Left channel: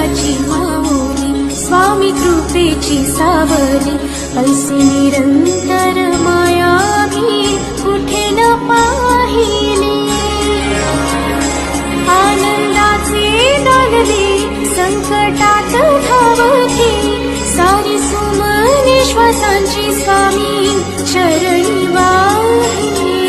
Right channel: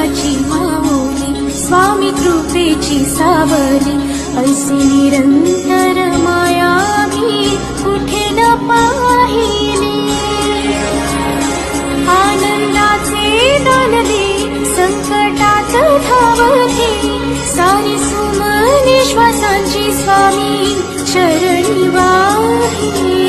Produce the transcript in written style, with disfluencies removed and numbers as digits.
देवाची माऊली, स्वामी कृपेची सावली, ऐसी निरंतर माया मी कुठे न पाहिली. आनंदाचे दान दे, संकटात धाव घे, सारी सुमने श्वासांची स्वामी चरणी वाहिली.